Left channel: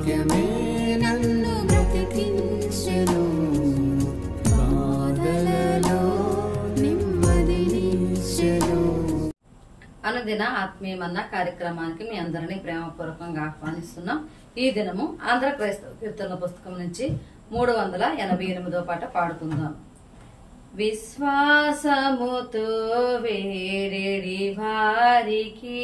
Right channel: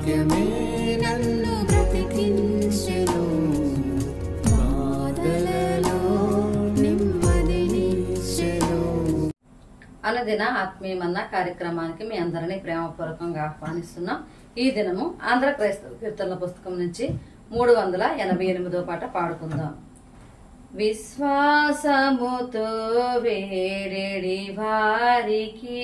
వాక్యమే నన్ను బ్రతికించెను, బాధలలో నెమ్మదినిచ్చెను. అనుదిన ఆత్మీయమన్న కార్యక్రమానికి మీ అందరినీ ప్రేమపూర్వకంగా ఆహ్వానిస్తున్నాం. ఈ దినము ఆంధ్ర క్రైస్తవ కీర్తనల పుస్తకం నుంచి 388వ పాట పాడుకుందాం. విశ్వాసముతో వేడెడి వారికి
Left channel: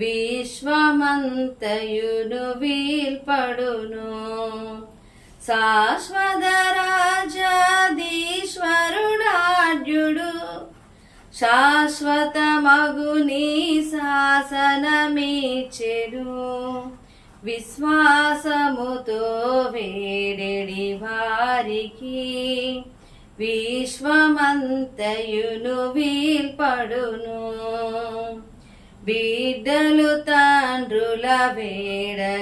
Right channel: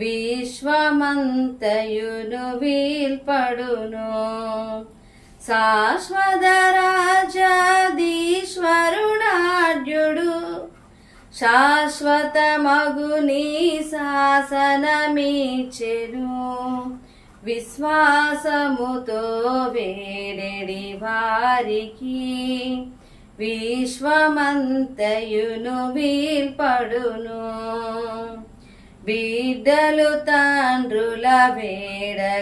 విశ్వమంతయును వీల్పడును, శాశ్వత రాజాధీశ్వరుడాడ్యుడు శాశ్వత మగుని శాసనమిచ్చెను. విశ్వాసముతో వేడెడి వారికి విశ్వమంతయును వీల్పడును. బిడ్డలు తండ్రుల వేడగనన్నము,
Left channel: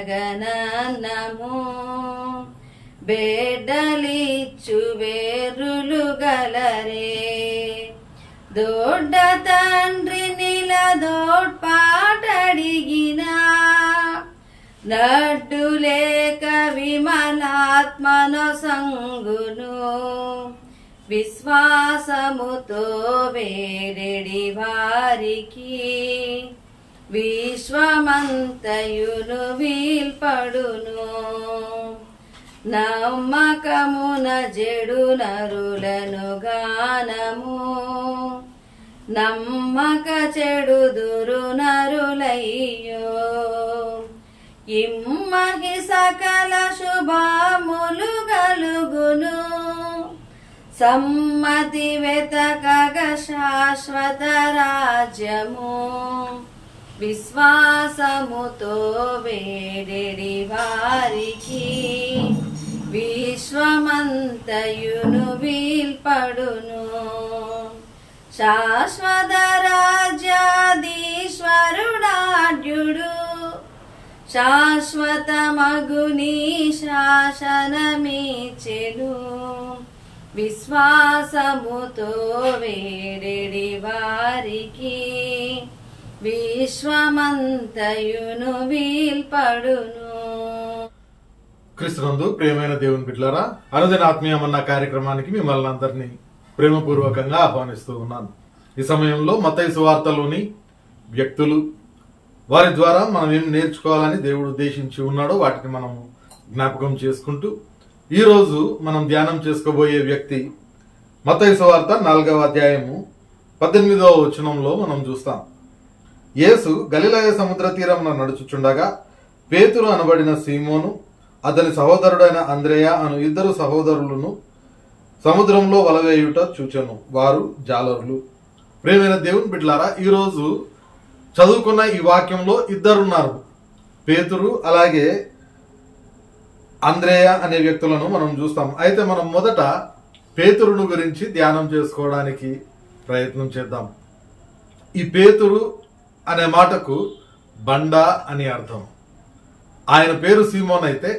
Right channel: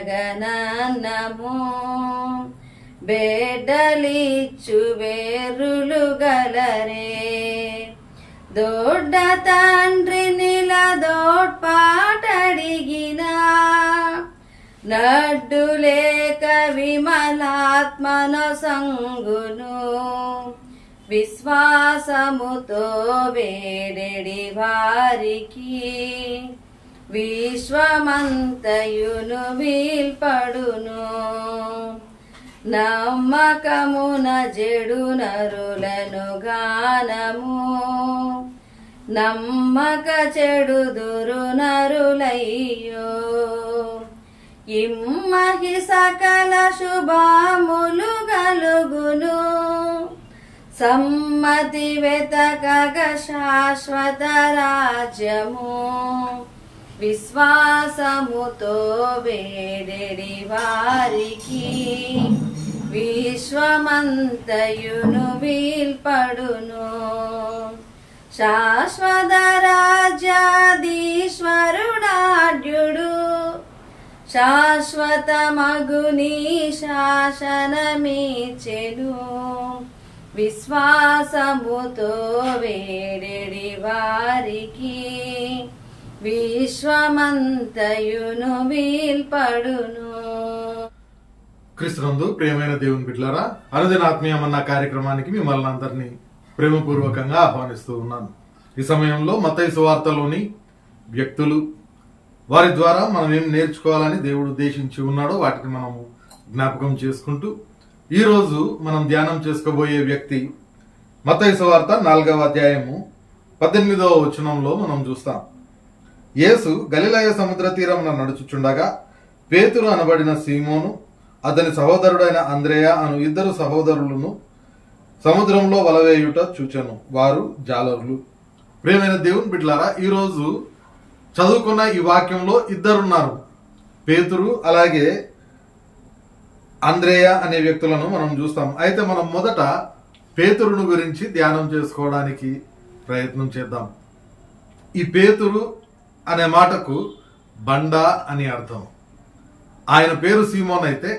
బెడ్డలిచ్చు వేరులు గలరే. దొడ్డ తండ్రి నిలదోడ్పాటడిగిన, నడ్డు లేక విమలాత్మను సంగును. విశ్వాసముతో వేడెడి వారికి విశ్వమంతయును వీల్పడును. నమ్మకమున జెడు నరులను గానము, నమ్మక చెడుదురు నరులయ్యో. ఇమ్మహి సకల శుభములు గలుగును, సమ్మతి వెతకగ శాశ్వత రాజ్యము. విశ్వాసముతో వేడెడి వారికి విశ్వమంతయును వీల్పడును. శాశ్వత రాజ్యాధీశ్వరుడాడ్యుడు శాశ్వత మగుని శాసనమిచ్చెను. విశ్వాసముతో వేడెడి వారికి విశ్వమంతయును వీల్పడును. క్రీస్తునందు ప్రియమైన దేవుని బిడ్డలారా, అనుదిన ఆత్మీయమన్న కార్యక్రమానికి మిమ్మల్ని అందరినీ ప్రేమపూర్వకంగా ఆహ్వానిస్తూ ఉన్నాను. ఈ సమయంలో మత్తయి సువార్తలోని వ్యక్తులు, వారి ద్వారా మనం ఏం నేర్చుకోవాలని దేవుడు ఉద్దేశించి ఉన్నాడో వాటిని మనము జ్ఞాపకం చేసుకుంటూ, ఈ రోజు మనం ధ్యానం చేసుకోబోయే వ్యక్తి మత్తయి సువార్త 4వ అధ్యాయము 18వ వచనంలో మనం చూస్తాం. యేసు గలిలయ సముద్ర తీరమున నడుచుచుండగా పేతురు అనబడిన సీమోను, అతని సహోదరుడైన అంద్రేయ అను ఇద్దరు సహోదరులను సముద్రంలో వలవేయుట చూచెను. వారు జాలరులు. ప్రియమైన దేవుని బిడ్డలారా, ఈరోజు చదువుకున్న ఈ వాక్యంలో ఇద్దరున్నారు, పేతురు అలాగే అంద్రేయ అనే వ్యక్తులను మనం చూస్తాం. అయితే మనం మొదట పేతురును గురించి ధ్యానం చేసుకోవడానికి ప్రయత్నం చేద్దాం. ఈ పేతురు అనే మాటకు బండ అని అర్థం. ఆయన పేరు సీమోన్ అయితే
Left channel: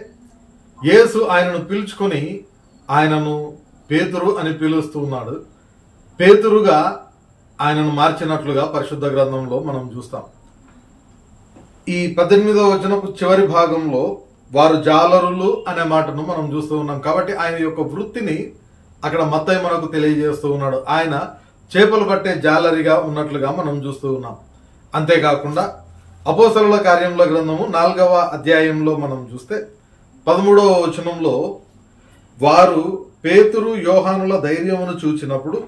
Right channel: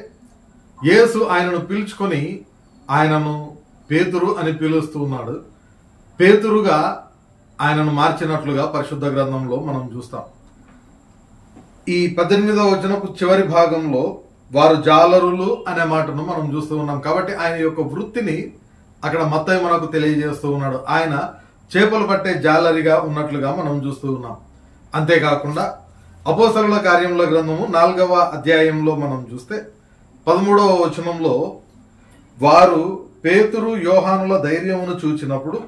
యేసు ఆయనను పిలుచుకొని ఆయనను పేతురు అని పిలుస్తూ ఉన్నాడు. పేతురుగా ఆయనను మార్చినట్లుగా పరిశుద్ధ గ్రంథంలో మనం చూస్తాం. ఈ 18వ వచనపు చివరి భాగంలో వారు జాలరులు అనే మాటను మనం చూస్తూ ఉన్నాం. కాబట్టి ఆయన యొక్క వృత్తిని అక్కడ మత్తయి మనకు తెలియజేస్తూ ఉన్నాడు. ఆయన చేపలు పట్టే జాలరిగా ఉన్నట్లుగా మనం చూస్తూ ఉన్నాం. అంతేకాకుండా అపోస్తలుల కార్యముల గ్రంథము 4వ అధ్యాయంలో మనం చూస్తే 13వ వచనంలో వారు పేతురు యోహానుల ధైర్యమును చూచినప్పుడు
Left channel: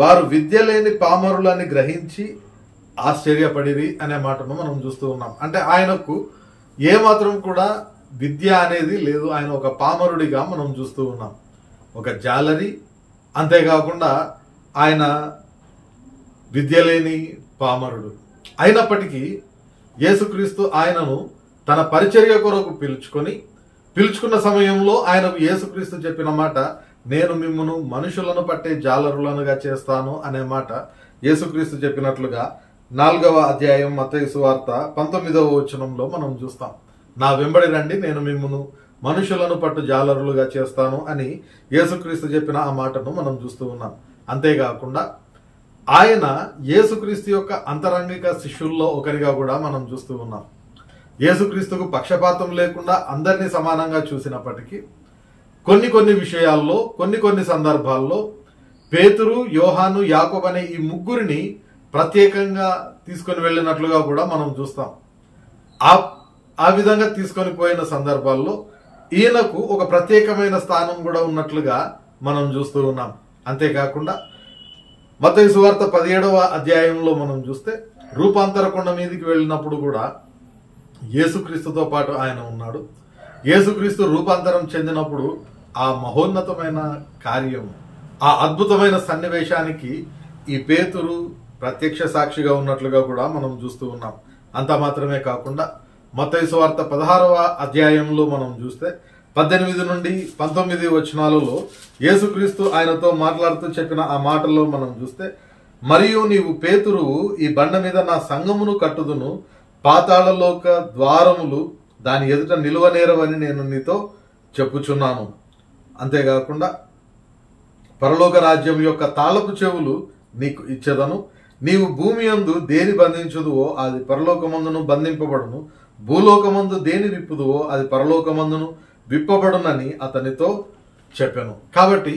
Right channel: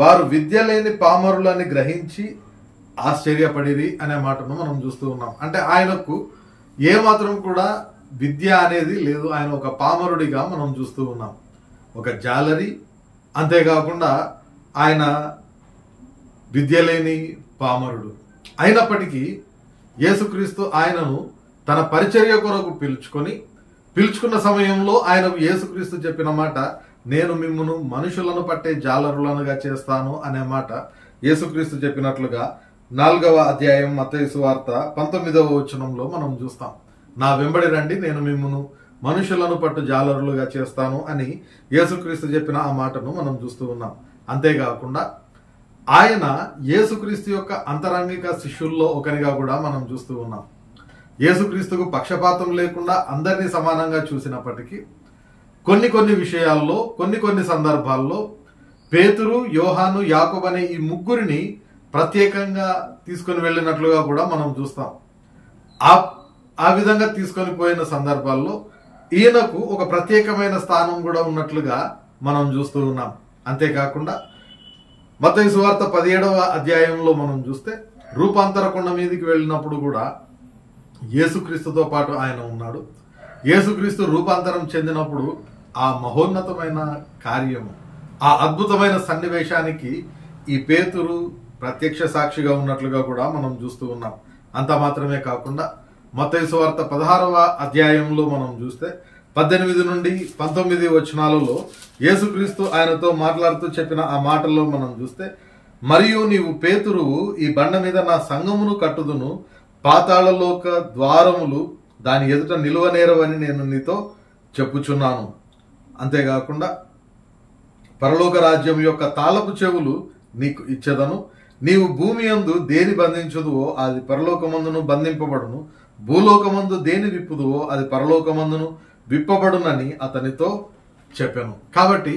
వారు విద్య లేని పామరులని గ్రహించి ఆశ్చర్యపడిరి అనే మాటను మనం చూస్తూ ఉన్నాం. అంటే ఆయనకు ఏమాత్రం కూడా విద్య అనేది లేదు. ఆయన ఒక పామరుడిగా మనం చూస్తూ ఉన్నాం, ఒక జాలరి. అంతేకాకుండా ఆయన విద్య లేని పామరుడు అయినప్పటికీ యేసుక్రీస్తు ఆయనను తన పరిచర్య కొరకు పిలుచుకున్న సమయంలో ఆయనకు యేసుక్రీస్తు చెప్పిన మాట, నేను మిమ్మును మనుషులను పట్టే జాలరులనుగా చేస్తాను అనే మాట యేసుక్రీస్తు చెప్పినట్లుగా 4వ అధ్యాయం మత్తయి సువార్త 19వ వచనంలో మనం చూస్తాం. నా వెంబడి రండి, నేను మిమ్మును మనుషులను పట్టు జాలరులుగా చేస్తాను అని యేసుక్రీస్తు చెప్పిన ఆ మాటను మనం చూస్తూ ఉన్నాం. అంతేకాకుండా ఆయన యేసుక్రీస్తు యొక్క అంతరంగిక శిష్యుల్లో ఒకరిగా కూడా మనం చూస్తూ ఉన్నాం. యేసుక్రీస్తుకు పక్షపాతం లేకుండా అందరినీ సమానంగా చూసినప్పటికీ కొన్ని విషయాల్లో కొన్ని సందర్భాల్లో పేతురు, యోహాను, యాకోబు అనే ఈ ముగ్గురిని ప్రత్యేకంగా తీసుకొని వెళ్ళినట్లుగా కూడా మనం చూస్తాం. ఆ విధంగా తీసుకొని పోయిన సందర్భాల్లో ఈయనకు ఒక ప్రత్యేకమైన స్థానం కూడా ఉన్నట్లుగా మనం చూస్తూ ఉన్నాం. అంతేకాకుండా మత్తయి సువార్త 17వ అధ్యాయంలో మనం చూస్తే రూపాంతర కొండ మీదకి వెళ్ళినప్పుడు కూడా యేసుక్రీస్తుతో పాటు ఆయన ఉన్నాడు. యేసుక్రీస్తు రూపాంతరం చెందినప్పుడు ఆ మహోన్నతమైన కార్యం, ఆ అద్భుతమైన సన్నివేశానికి ఈ పేతురు ప్రత్యక్ష సాక్షిగా ఉన్నట్లుగా కూడా మనం చూస్తూ ఉన్నాం. అంత మాత్రమే కాకుండా మత్తయి సువార్త 16వ అధ్యాయంలో మనం చూస్తే 18 నుండి 19 వచనాలలో యేసుక్రీస్తు ఆయనతో మాట్లాడుతూ చెప్పిన ఆ మాటల్లో మనం చూస్తే, మరియు నీవు పేతురువు, ఈ బండ మీద నా సంఘమును కట్టుదును, పాతాళలోక ద్వారములు దాని ఎదుట నిలువనేరవని నేను నీతో చెప్పుచున్నాను. అంతేకాకుండా పరలోక రాజ్యం యొక్క తాళపు చెవులు నీకు ఇచ్చేదను, నీవు భూమి యందు దేని బంధించుదువో అది పరలోకమందును బంధింపబడును, భూలోకమందు దేని విప్పుదువో అది పరలోకమందును విప్పబడునని అతనితో చెప్పాను. కాబట్టి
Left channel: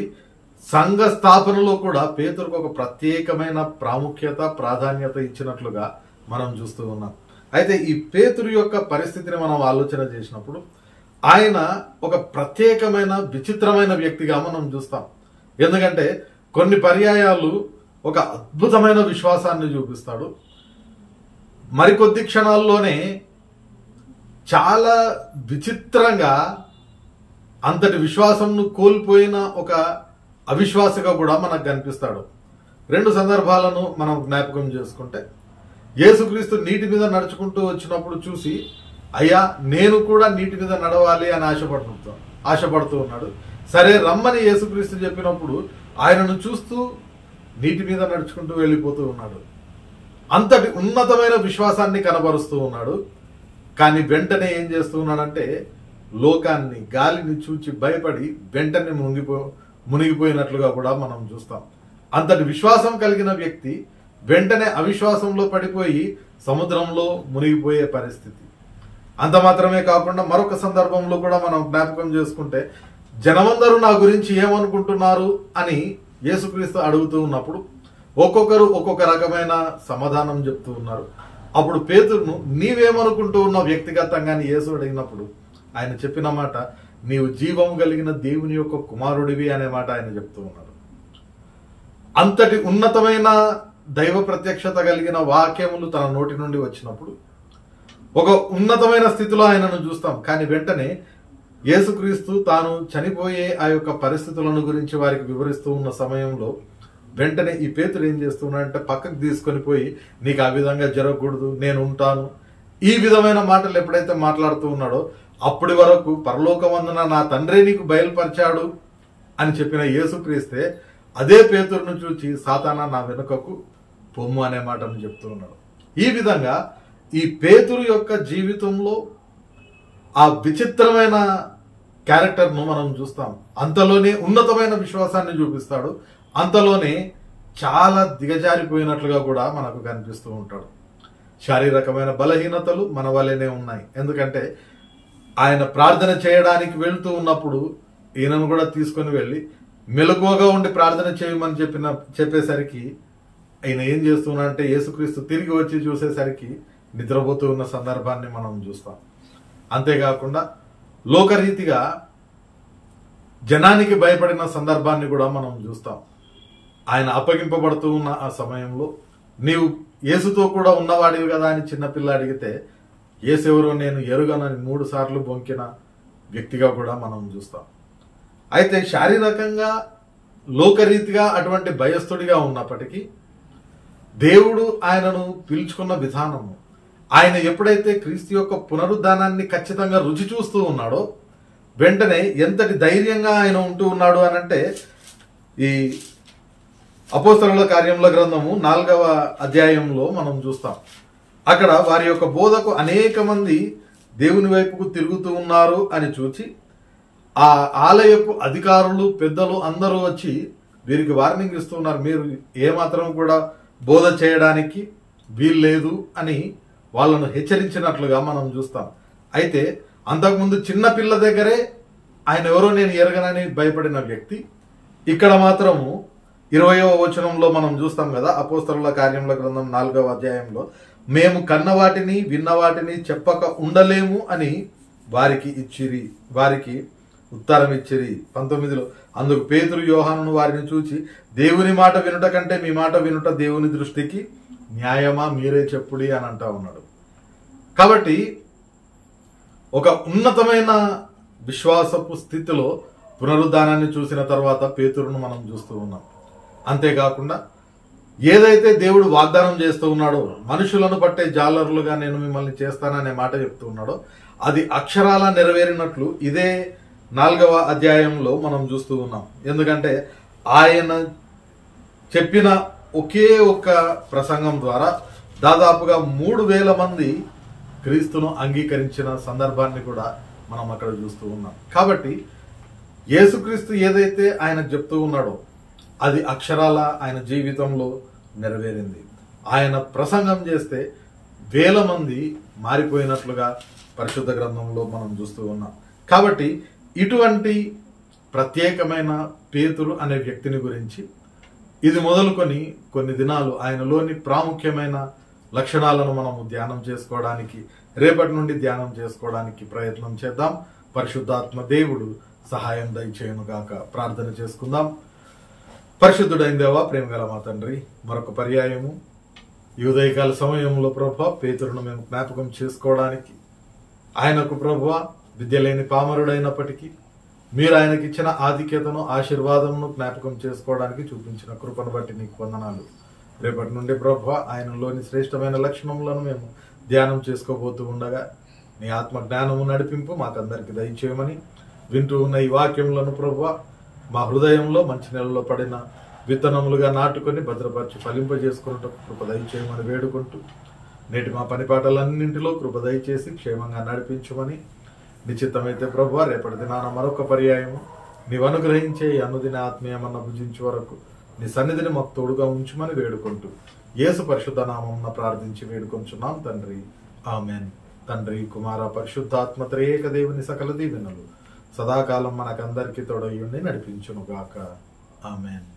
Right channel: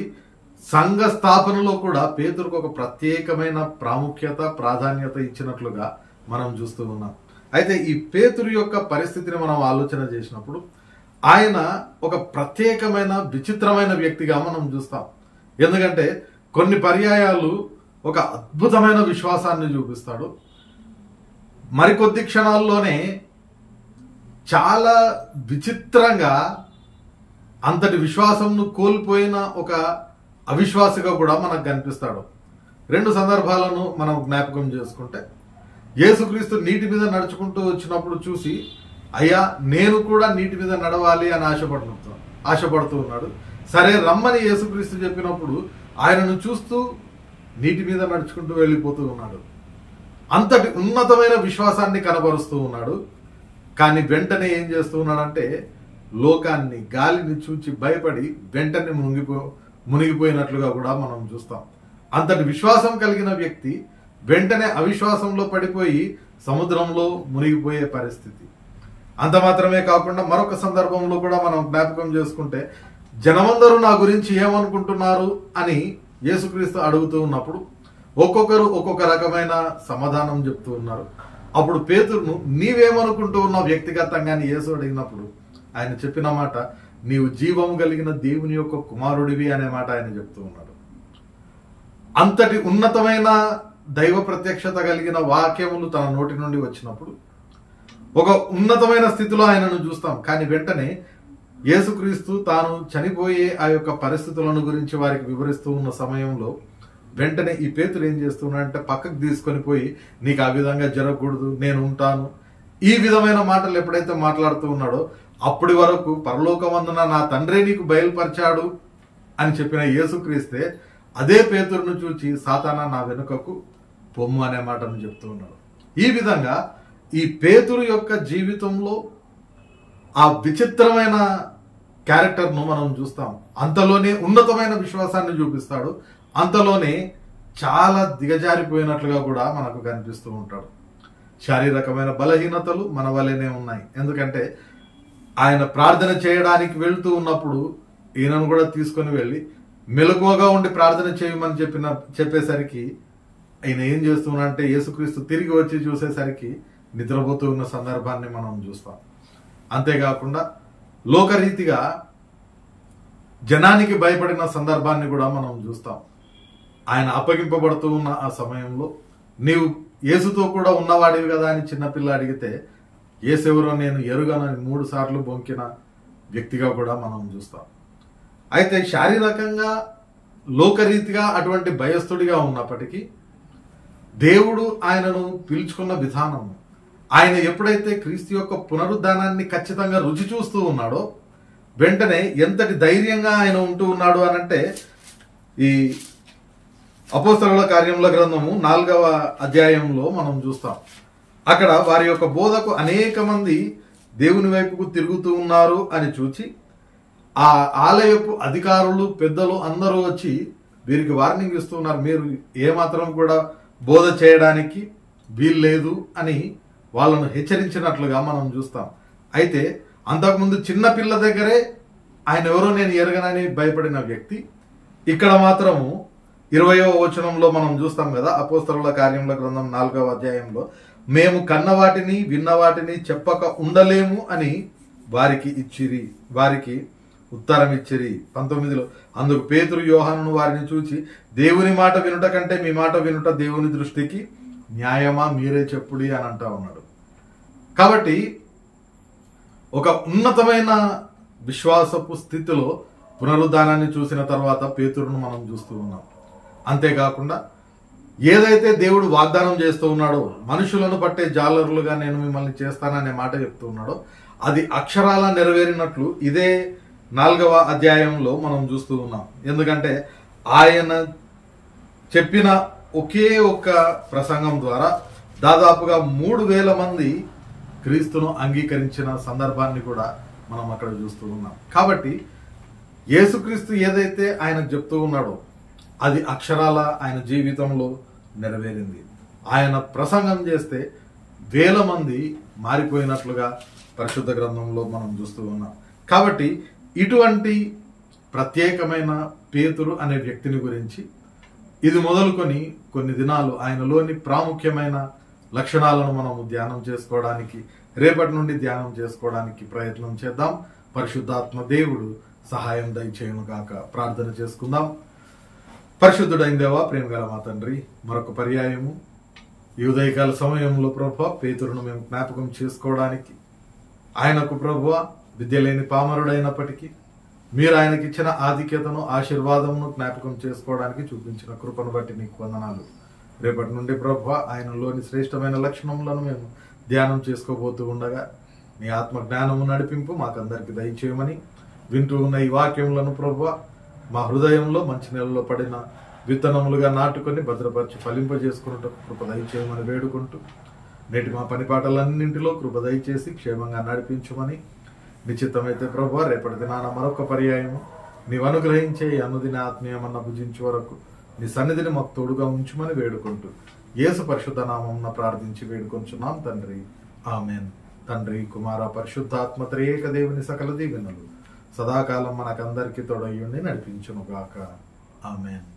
సంఘ స్థాపనలో కూడా పేతురుకు ఒక ప్రత్యేకమైన ప్రాముఖ్యత, ప్రాధాన్యత ఇచ్చినట్లుగా మనం చూస్తూ ఉన్నాం. అయితే ఈ పేతురు యొక్క పరిస్థితిని మనం ఆలోచన చేసినప్పుడు ఆయన ఒక ప్రత్యేకమైన విచిత్రమైన వ్యక్తిగా మనం చూస్తాం. ఎందుకంటే కొన్ని పర్యాయాలు ఒక అద్భుతమైన విశ్వాసాన్ని చూపిస్తాడు, మరికొద్ది క్షణాల్లోనే చాలా విచిత్రంగా అంతటి విశ్వాసంను కోల్పోయిన ఒక అవిశ్వాసిగా కూడా మనకు కనిపిస్తాడు. 2 సందర్భాలను మనం జ్ఞాపకం చేసుకుంటే, యేసుక్రీస్తు నీటి మీద నడుచుకుంటూ వచ్చినప్పుడు చూసి, అయ్యా నేను కూడా నీటి మీద నడవాలి అని ఆశపడుతూ ఉన్నాడు. సరే రమ్మని యేసుక్రీస్తు చెప్పినప్పుడు ఆయనను చూస్తూ నీటి మీద నడుచుకుంటూ వెళ్ళిపోతూ ఉన్నాడు. అంతటి ఉన్నతమైన విశ్వాసాన్ని కనబరుస్తూ ఉన్నాడు. కానీ వెంటనే ఏం చేస్తూ ఉన్నాడంటే లోకాన్ని, గాలిని చూచి భయపడి వెంటనే మునిగిపోయినట్లుగా కూడా మనం చూస్తాం. అంతటి విశ్వాసం కలిగిన వ్యక్తి వెంటనే అవిశ్వాసంలో పడిపోయి సముద్రంలో మునిగిపోయే పరిస్థితి. అంత మాత్రమే కాకుండా మరొక సందర్భంలో కూడా మనం జ్ఞాపకం చేసుకుంటే, జనమందరూ నా గురించి ఏమనుకుంటున్నారు అని యేసుక్రీస్తు అడుగుతూ ఉన్నప్పుడు ఒక్కొక్కరు ఒక్కొక్క రకమైన సమాధానం చెప్తూ ఉన్నారు. అప్పుడు పేతురును నీవేమనుకుంటూ ఉన్నావు వ్యక్తిగతంగా అని యేసు అడిగినప్పుడు ఆయన చెప్పిన మాట, నీవు జీవం కలిగిన దేవుని యొక్క కుమారుడివి అనే మాట ఆయన చెప్తూ ఉన్నాడు. అంతటి ఉన్నతమైన దైవ ప్రత్యక్షత కలిగిన వాక్యములు తన నోటి నుండి వచ్చినప్పుడు ఒక ఉన్నతమైన స్థితిలో ఆయనను చూస్తాం. కానీ వెంటనే యేసుక్రీస్తు తాను చనిపోయే ఆ యొక్క పరిస్థితులను గురించి వారికి వివరిస్తూ ఉన్న సమయంలో వెంటనే ఈ పేతురు ఏం చేస్తున్నాడంటే పక్కకు తీసుకొని పోయి, నీకు ఆ విధంగా జరగకూడదు, నేను ఉంటాను, ఈ విధమైన మాటలు ఎప్పుడైతే మాట్లాడుతూ ఉన్నాడో అప్పటి వరకు పరలోకమందున నా తండ్రి నీకు బయలుపరిచాడు అని చెప్పిన యేసుక్రీస్తే అదే పేతురును చూచి సాతానా నా వెనుకకు పొమ్ము అనే మాటను చెప్తూ ఉన్నాడు. ఈ విధంగా ఈ పేతురు యొక్క జీవితంలో ఆ విచిత్రమైన క్యారెక్టర్ను మనం చూస్తాం. అంతలోనే ఉన్నతమైన విశ్వాసాన్ని చూపిస్తాడు, అంతలోనే చాలా దిగజారిపోయినట్లుగా కూడా మనకు కనిపిస్తూ ఉంటాడు. శారీరకమైన బలహీనతలు మన వల్లనే ఉన్నాయి. ఎందుకంటే ఆయన ప్రార్థన చేయడానికి వెళ్తూ ఉన్నప్పుడు ఈయనను కూడా తీసుకుని వెళ్ళి మెలకువగా ఉండి ప్రార్థన చేయమని చెప్పేసరికి ఆయన ఏం చేస్తున్నాడంటే యేసుక్రీస్తు తిరిగి వచ్చి చూసేసరికి నిద్రపోతూ ఉన్న సందర్భాన్ని మనం చూస్తాం. అంతేకాకుండా లోకరీతిగా జనానికి భయపడిన సందర్భాన్ని కూడా మనం చూస్తాం. ఆయన అప్పగింపబడుతూ ఉన్న ఆ సమయంలో నీవు యేసుతో కూడా ఉన్నవాడివి కదా అని చిన్నపిల్ల అడిగితే యేసెవరో నేను ఎరుగనని 3 సార్లు బొంకిన వ్యక్తిగా కూడా మనం చూస్తాం. అయితే శారీరకంగా లోకరీతిగా అటువంటి భయస్థుడిగా ఉన్నప్పటికీ దేవుడు ఆయనను పిలుచుకున్న విధానము, ఆయన ఎప్పుడైతే క్రీస్తు యొక్క పునరుద్ధానాన్ని ఖచ్చితంగా రుచి చూస్తూ ఉన్నాడో వెంటనే ఎంతటి ధైర్యంగా ఆయన ఉంటూ ఉన్నాడు అనంటే, ఈ అపోస్తలుల కార్యముల గ్రంథము 4వ అధ్యాయంలో మనం చూస్తాం. అక్కడ వారి యొక్క బోధకు అనేక మంది దేవుని వైపుకు తిరుగుతూ ఉన్నారు అని చూచి ఆ ఆలయపు అధికారులు, పెద్దలు అందరూ వచ్చి వీరికి వార్నింగ్ ఇస్తున్నారు, మీరు ఏమాత్రం కూడా బోధ చేయడానికి వీల్లేదు అని వాళ్ళను హెచ్చరించినట్లుగా మనం చూస్తాం. అయితే అంతకుముందు చిన్న పిల్ల దగ్గరే ఆయన ఎవరో నేను ఎరగనని భయపడిన వ్యక్తి ఇక్కడ మాత్రము 20వ వచనంలో మనం చూస్తాం కదా, అపోస్తలుల కార్యముల గ్రంథం 4వ అధ్యాయంలో, మేము కన్నవాటిని విన్నవాటిని చెప్పక ఉండలేము అని వారికి ఉత్తరం ఇచ్చిరి. 19లో, అందుకు పేతురు యోహానును వారిని చూచి, దేవుని మాట వినుట కంటే మీ మాట వినుట దేవుని దృష్టికి న్యాయమా, మీరే చెప్పుడి అని అంటా ఉన్నాడు. కాబట్టి ఒక ఉన్నతమైన విశ్వాసపు స్థితిలో పునరుద్ధానాన్ని చూసిన తర్వాత పేతురును మనం చూస్తూ ఉన్నాం. అంతేకాకుండా ఏదైతే దేవుడు వాగ్దానం చేస్తూ ఉన్నాడో, మనుషులను పట్టే జాలరులుగా నేను మిమ్మల్ని చేస్తాననే మాట చెప్తూ ఉన్నాడో, అది అక్షరాల నెరవేరినట్లు ఇదే 4వ అధ్యాయంలో మనం చూస్తూ ఉన్నాం. ఎందుకంటే ఆయన చెప్పిన ఒకే ఒక్క ప్రసంగం ద్వారా దాదాపుగా 3000 మంది క్రీస్తును అంగీకరించిన సందర్భాన్ని కూడా మనం అక్కడ చూస్తూ ఉన్నాం. కాబట్టి యేసుక్రీస్తు ఏదైతే ఆయనకు చెప్తూ ఉన్నాడో అది అక్షరాల ఆయన జీవితంలో నెరవేరింది. ఆయన ప్రసంగం చేస్తే 1000 మంది మారిపోయినట్లుగా పరిశుద్ధ గ్రంథంలో మనం చూస్తూ ఉన్నాం. కాబట్టి ఇటువంటి ప్రత్యేకమైన పేతురు అనే వ్యక్తిని గురించి ఇది మొదలుకొని కొన్ని దినాలు ఆయనలోని ప్రాముఖ్యమైన లక్షణాలను మనము ధ్యానం చేసుకోవడానికి, రేపటి నుండి ధ్యానం చేసుకోవడానికి ప్రయత్నం చేద్దాం. పరిశుద్ధాత్మ దేవుడు సహాయం దయచేయునుగాక. ప్రార్థన చేసుకుందాం. పరిశుద్ధుడైన దేవా, ప్రేమగల మా తండ్రి, మరొక పర్యాయము ఈ ఉదయకాల సమయంలో ప్రభువా పేతురును మేము జ్ఞాపకం చేసుకోవడానికి, ఆయనకు ప్రభువా విద్య లేని పామరుడైనప్పటికీ మీరు ఆయనకి ఇచ్చిన ఆధిక్యతను, ఆశీర్వాదమును జ్ఞాపకం చేసుకోవడానికి చూపించిన కృపను బట్టి నీకు వందనాలు. రేపటి నుండి ప్రభువా ఆయనలోని శ్రేష్టమైన లక్షణములను మేము ధ్యానం చేసుకోబోతూ ఉండగా నీ ఆత్మ జ్ఞానము నడిపింపు మాకందరికి దయచేయమని, వింటూ ఉన్న ఈ వాక్యములను ప్రభువా మా హృదయంలో మంచి నెలలో పడిన విత్తనములుగా నాటుకొని భద్రపరిచి ఫలింపజేసుకున్నట్టు కృప దయచేయమని వేడుకుంటూ, నేటి మా పనిపాటలన్నింటిలో కృప దయచేసి క్షేమంగా నడిపించమని, నిశ్చితమైతే ప్రభువా రేపటి దినాన మరొక పర్యాయము నీవు అనుగ్రహించే అనుదిన ఆత్మీయమన్న భుజించే వరకు నీ సన్నిధిని మాకు తోడుగా ఉంచుమని వేడుకుంటూ యేసు పరిశుద్ధ నామమున ప్రార్థించి వేడుకొంచున్నాం తండ్రి, ఆమెన్. తండ్రి, కుమార, పరిశుద్ధాత్మ త్రియేక దేవుని సకల దీవెనలు సదాకాలం మనకందరికీ తోడయ్యుండి నడిపించునుగాక. ఆమెన్.